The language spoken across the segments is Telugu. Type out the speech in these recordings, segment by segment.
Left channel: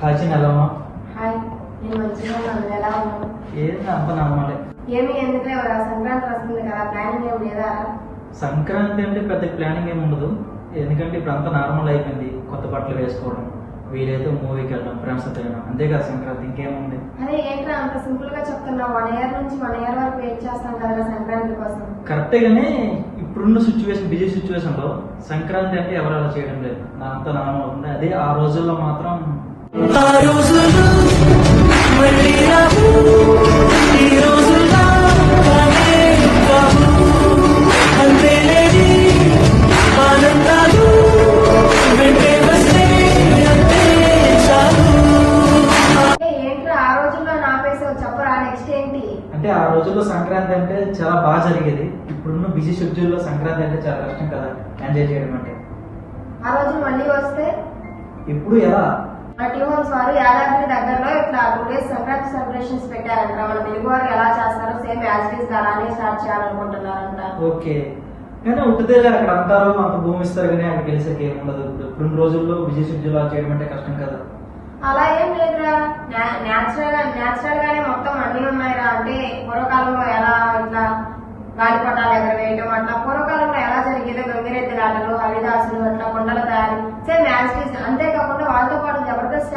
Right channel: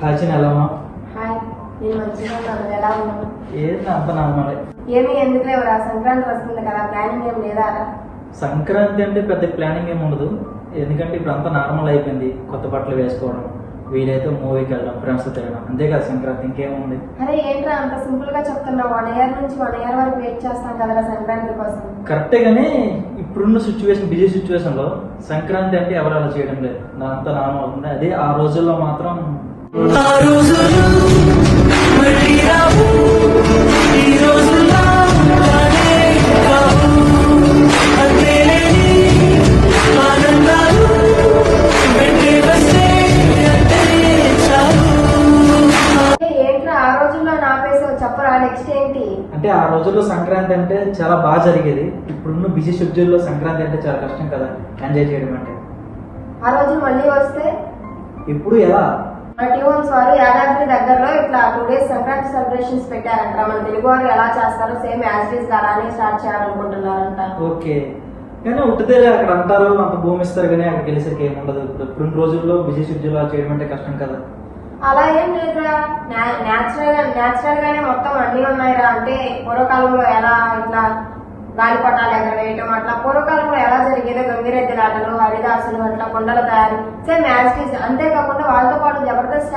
కాచిన ఎలా ఉన్నావు? హాయ్, నేను మంచిగా ఉన్నాను. ఎలా ఉన్నావు? ఏంటి అంత నార్మలే. ఏమి ఎందుకు లేవురా? సంక్రాంతి వస్తుంది కదా, ప్లానింగ్ ఏం లేదా? సంక్రాంతి అంటే పెద్ద ప్లానింగ్ ఏమి ఉండదు, ఎందుకంటే ఇప్పుడు అంతా నార్మల్ అయిపోయింది. కొత్త బట్టలు వేసుకోవడం, వీలైతే మూవీకి వెళ్ళడం, ఫ్రెండ్స్ తిరగడం, అంతే కదా సంక్రాంతి. ఇంకేముంది? అరే ఏంట్రా అంత సింపుల్ గా చెప్తున్నావు? 1 year నుంచి 1 year వరకు వెయిట్ చేస్తాం కదా సంక్రాంతి కోసం. కరెక్టే గానీ ఇప్పుడున్న సిచ్యువేషన్, బిజీ సిచ్యువేషన్ లో సంక్రాంతి అంటే ఎవరు అలా చేయడం లేదు. అంతా నార్మల్ అవుతుంది. అదే ఆ రోజుల్లో మాత్రం చెప్పరా నెక్స్ట్ ఏంటి? అంటే ఆ రోజుల్లో సంక్రాంతి అంటే చాలా బాగా జరిగేది. ఇప్పుడున్న బిజీ షెడ్యూల్ లో సంక్రాంతి అంటే చాలా కష్టం కదా ఎంజాయ్ చేయడం అంటే. ఆ రోజు మళ్ళీ వస్తే ఇప్పుడు ఎలా? టీవన్స్ వారు యాదాద్రి దగ్గరలో ఇట్లా 2 days సంక్రాంతి సెలబ్రేషన్స్ పెట్టారంట. మన తెలుగు వారు ఎలా చేస్తారో సేమ్ యాజ్ ఇట్ ఈస్ అలానే స్టార్ట్ చేయాలనుకుంటున్నారంట. ఓకే, కానీ ఉట్టిదే అక్కడ అంటారు, అంత భూమి ఇస్తారు, కానీ అక్కడికి వెళ్ళేసరికి ఏముండదు. ఇప్పుడు రోజుల్లో బిజీ షెడ్యూల్ చేయడం అంటే కష్టం కదా. అలా ఏం లేదురా, న్యాచురల్ గానే మొత్తం అన్ని ఉన్నాయిరా. అంటే పూర్వకాలంలో ఎలా ఇట్లా గాలిపటాలు ఎగరవేయటం, అట్లా పూర్వకాలంలో ఎలా జరిగేదో గంగిరెద్దుల ఆటలు, హరిదాసులు, అట్లా కొండల తయారీ, సేమ్ మ్యాచెస్. అంతేకాకుండా వాళ్ళతో పాటు జబర్దస్త్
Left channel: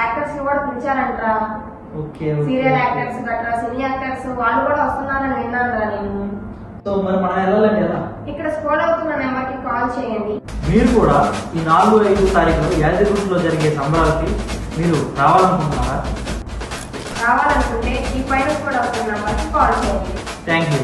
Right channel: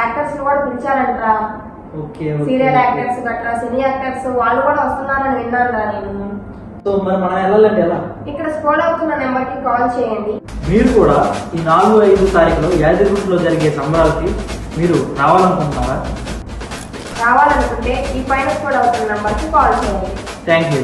యాక్టర్స్ కూడా పిలిచారంటరా. సీరియల్ యాక్టర్స్ గట్రా, సినీ యాక్టర్స్ వాళ్ళు కూడా వస్తున్నారని విన్నాను నేను. సో మరి మనం వెళ్ళాలంటే ఎలా? ఇక్కడ స్కోడ్ అవుతున్న నెంబర్ కి కాల్ చేయండి. మీరు కూడా ఈ 4-5 తారీఖులో యాదగిరిగుట్టలో జరిగే సంబరాలకి మీరు రావాలనుకుంటున్నారా? రావాలనుకుంటే ఈ పైన స్కోడ్ అవుతున్న నెంబర్ కి కాల్ చేయండి. Thank you.